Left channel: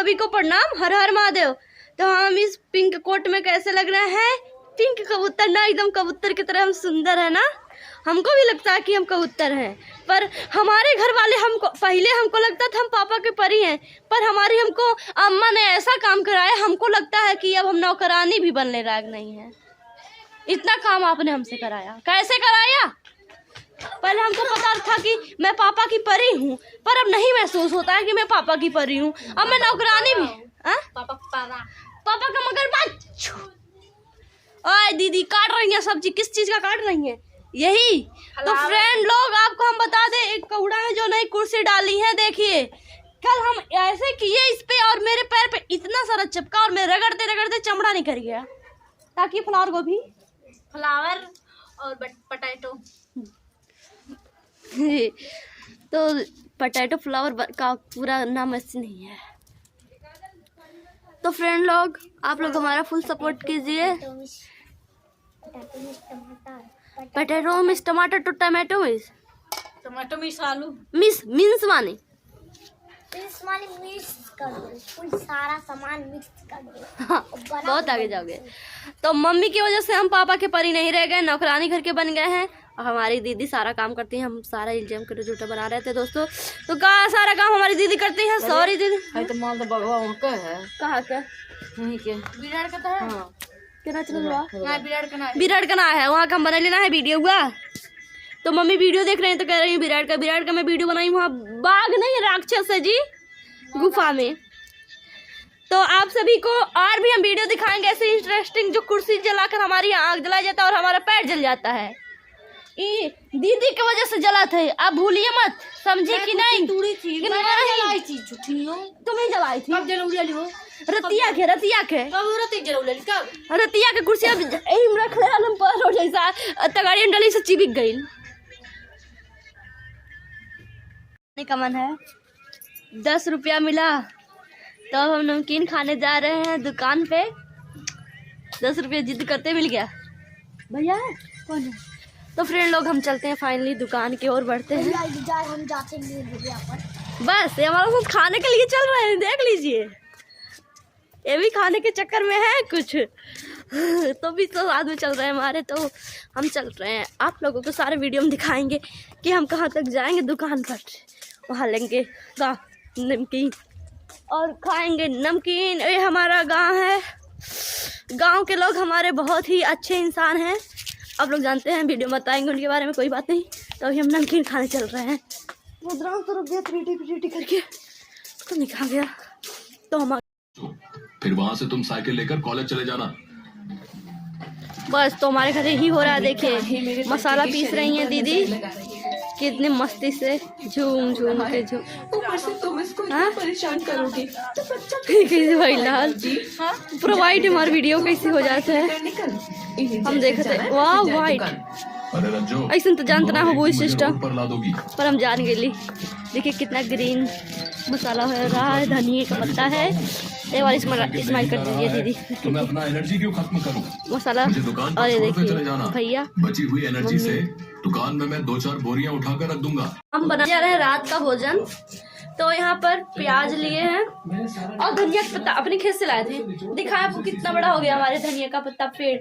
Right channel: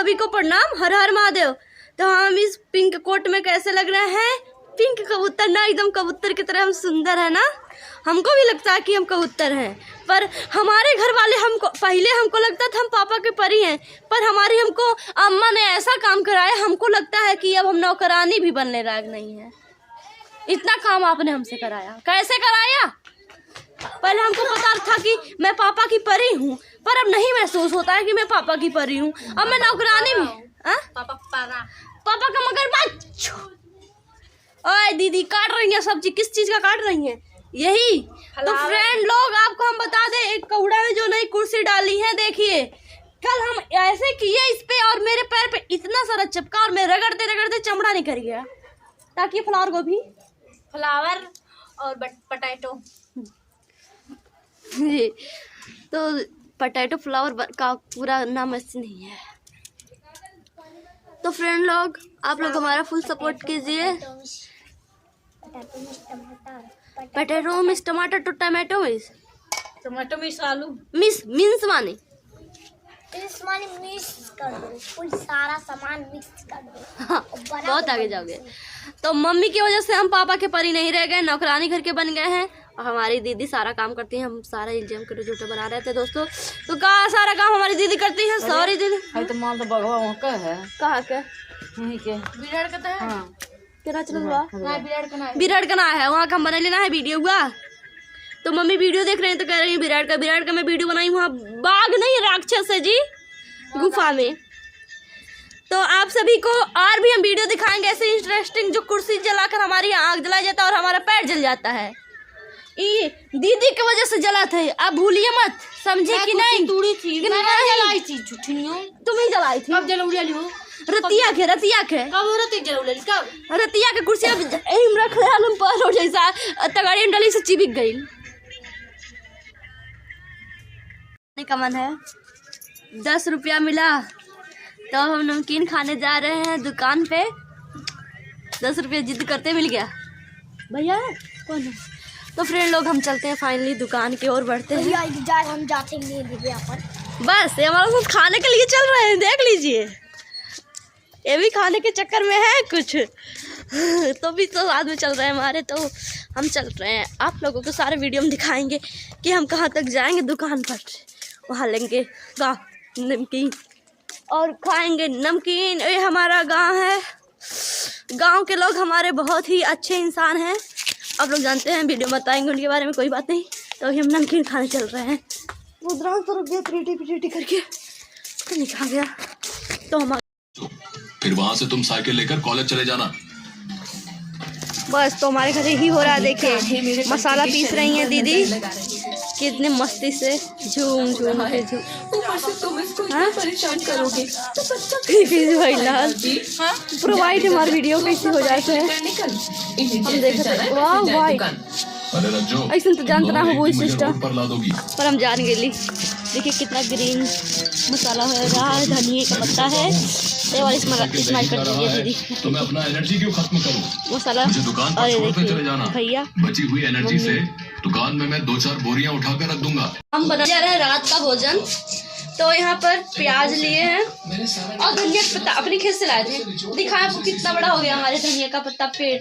सभी को प्रणाम, हर हर महादेव। तो हम इस पिंक कोट में कैसे लग रहे हैं? पिंक कबूतर ना, एकदम कबूतर की तरह हम सुंदर है ना। हमको भी लगता है कि हम कबूतर हैं, पर हमारे घर वाले हमको लगता था हम पापा के परी हैं, पर हमारी हमको अम्मा ने ऐसा काम कराया, हमको लगता है कि अब हम नौकरानी भी बनने लायक नहीं है। इतना काम आपने हमसे कराया। कैसे कराया? पहले हमको पता था कि मैं पापा की परी हूँ, पर अब नहीं महसूस होता है कि मैं पापा की परी हूँ। अब मैं नौकरानी भी। पापा का मगरमच्छ। ओए दीदी काट रही है सब्जी, किस चीज का काट रही है? यही तो फ्रेंड लोग, आपको हम बता दें, एक कौड़ा में जो नई कुर्सी डाली है, देखिए कल हम ऐसे किए इस पे और मेरे पैर पे इतना सारा चिपका और मैं रगड़ते रगड़ते चमड़ा निकल गया। ताकि फ्लावर गोभी, फ्लावर और पोटैटो तो पोटैटो फ्लावर का पूरा नाम ऐसे नहीं है। तो फ्रेंड लोग, आप लोग हमारा फुल सपोर्ट कीजिए। पोटैटो मिस टमाटर टू टमाटो मिस आलू मिन्स माने मिक्स कर दो, फुल सारा सामान मिक्स कर दो। हाँ, बहुत आगे जाओगे। तो मम्मी की वजह से हम पापा के परी नहीं रह गए, नौकरानी घर के बन गए हैं। और हमारी दीदी सारा काम करती है, हम सारा इल्जाम कर झूठा बना रहे थे दोस्तों। तो कहा सारा काम हमारी दीदी करती है। सॉरी दीदी। तो माल तो बगवा वहाँ का है। कहाँ के? वहीं के बिराड़ का है। हाँ। क्या चल रहा हां बिराड़ का ना है, वहाँ का हम बना लेना है वीडियो हुआ। तो मम्मी वीडियो देख रहे हैं तो कह रही है बिराड़ का मैं वीडियो बनाई। वहाँ बाघ नहीं, राक्षस है जी गुफा में। तो आप सभी को और भी हम वीडियो दिखाएंगे ऐसे इंटरेस्टिंग, जो कुर्सी जलाकर हमारी आग जला जाता है और हमारा पैर जल जाता है। ये दीदी की वजह से जला थे, आप भूलिए मत, समझे कि नहीं? तूड़ी थी, मैंने जलाई थी, झूठी नहीं हो। तुम्हें जलाई थी? कब जलौली हो? रतिया के कब रति जलौली? कब रतिया के कुर्सी एम रख ले हम पर जैसा तगाड़ी डली से चिपक गई। का मन है 10 रुपया मिला तो हम नमकीन खाने जा रहे हैं दुकान पे। 10 रुपया जिद करते मिल गया। भैया है कौन है? तो फ्रेंड लोग, हम चलते हैं फाइनली दुकान की ओर बढ़ते हैं। हम जाते हैं बस ये हमारा सब खाने के लिए चल रहे हैं, देख लीजिए। ये भी खाने के चक्कर में है कुछ तो भी तो साथ में चल रहे हैं हमारे। तो हम चल रहे हैं, आप लोगों को सारे वीडियो में दिखाएंगे कि हम कहाँ तक जाएंगे दुकान पर। वहाँ लेंगे नमकीन और खाएंगे नमकीन। ये हमारा गांव है, गांव के लोग हमारे बहुत ही अच्छे इंसान हैं, आप लोग जानते हैं, वीडियो बताएंगे उनके बारे में, कोई बात नहीं। तो अभी हम नमकीन खाने चल रहे हैं। मुद्रांश तो रुक गया पीटी करके तो निकल गया। तो हम फिर वहां से तुम साइकिल लेकर कॉलेज चले जाना। बस तो हमारे घर यही हो रहा है। देखिए मसाला पीस रही हैं दीदी, कितने मस्ती से झूम झूम के भाई लाल पूरा वाइट हमारा वीडियो कैसे हो जाते हैं हम देख रहे हैं। वाह वाइट ऐसा तो जानते ना हो वो सिस्टम, पर हम जान गए। देखिए कितना ग्रीन मसाला हो रहा है, धनिया का पत्ता है। ये वाली इस्तेमाल कर दीजिए दीदी। तो मैं अपना एनर्जी क्यों खत्म करूं? मसाला। और ये देखिए भैया, बची हुई एनर्जी से दुकान में मैं 2-4 बोरियां उठाकर रख दूंगा। हम बना जा रहे हैं रात का भोजन। तो यहाँ पर प्याज लिए हैं और धनिया का पत्ता अपने खेत से लाए थे। दिखाया आपको कितना बड़ा हो गया हमारे धनिया का पत्ता, पेड़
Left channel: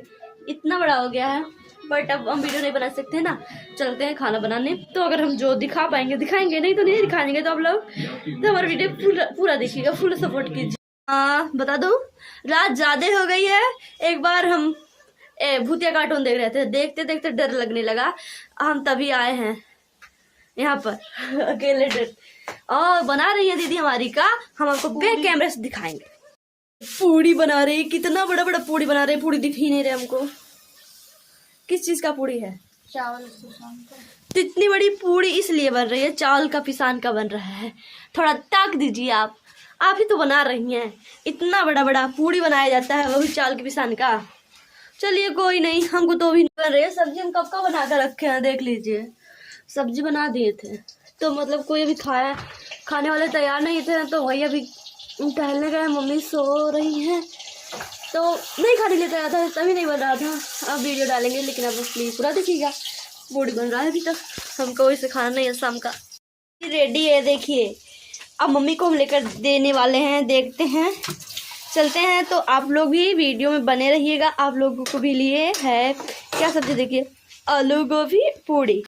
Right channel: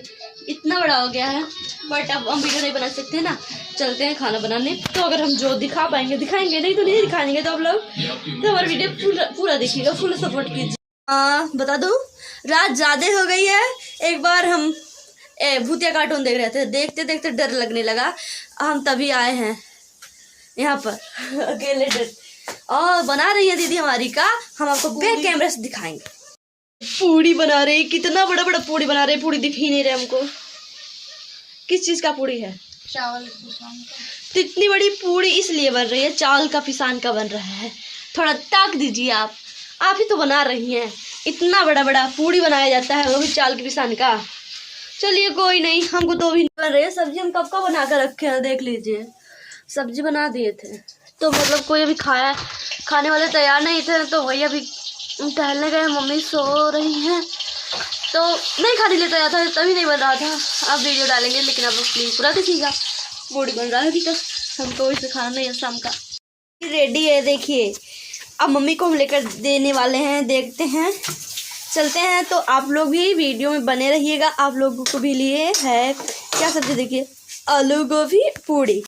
इतना बड़ा हो गया है। बट अब हम वीडियो नहीं बना सकते ना, चलते हैं खाना बनाने। तो अगर हम जो दिखा पाएंगे दिखाएंगे, नहीं तो नहीं दिखाएंगे। तो आप लोग तो हमारा वीडियो पूरा देखिएगा, फुल सपोर्ट कीजिए। बता दूं, रात ज्यादा हो गई है। एक बार हम भूतिया कार्टून देख रहे थे, देखते देखते डर लगने लगा। हम तभी आए हैं यहाँ पर अकेले डर। और बना रही है दीदी हमारी का, हम आपको बैक कैमरे से दिखाएंगे। पूड़ी बना रही, कितना बड़ा बड़ा पूड़ी बना रही। पूड़ी दिख ही नहीं रहे हमको, किस चीज का पूड़ी है? चावल। तो इतनी बड़ी पूड़ी इसलिए बन रही है, चावल का पिसान का बन रहा है। थोड़ा ताक दीजिए, आप ही तो बना रही हैं। इतना बड़ा बड़ा पूड़ी बनाया जाता है, वो भी चावल के पिसान का। चलिए कोई नहीं, हमको तो भी बन रही है। सब्जी हम कब का बना कर रखे हैं, देख लीजिए। सब्जी बना दिए थे तो मतलब कोई अभी खाने वाले तैयार नहीं थे, तो वही अभी टहलने गए। मम्मी सो रही हैं तो नहीं खाने लिए तैयार था, तभी नहीं बन रहा था। अब वीडियो डालेंगे, लेकिन अब प्लीज़ पूरा देखिएगा। पूड़ी बन रहा है अभी तक, हमको इसे खाना नहीं है शाम का। रेडी है देखिए, अब मम्मी को हम लेकर देने वाले हैं, देखते हैं, चलते हैं। तो आप लोग भी वीडियो में बने रहिएगा। आप लोगों को भी लिए है क्या सब्जी, देखिए आलू गोभी पूड़ी।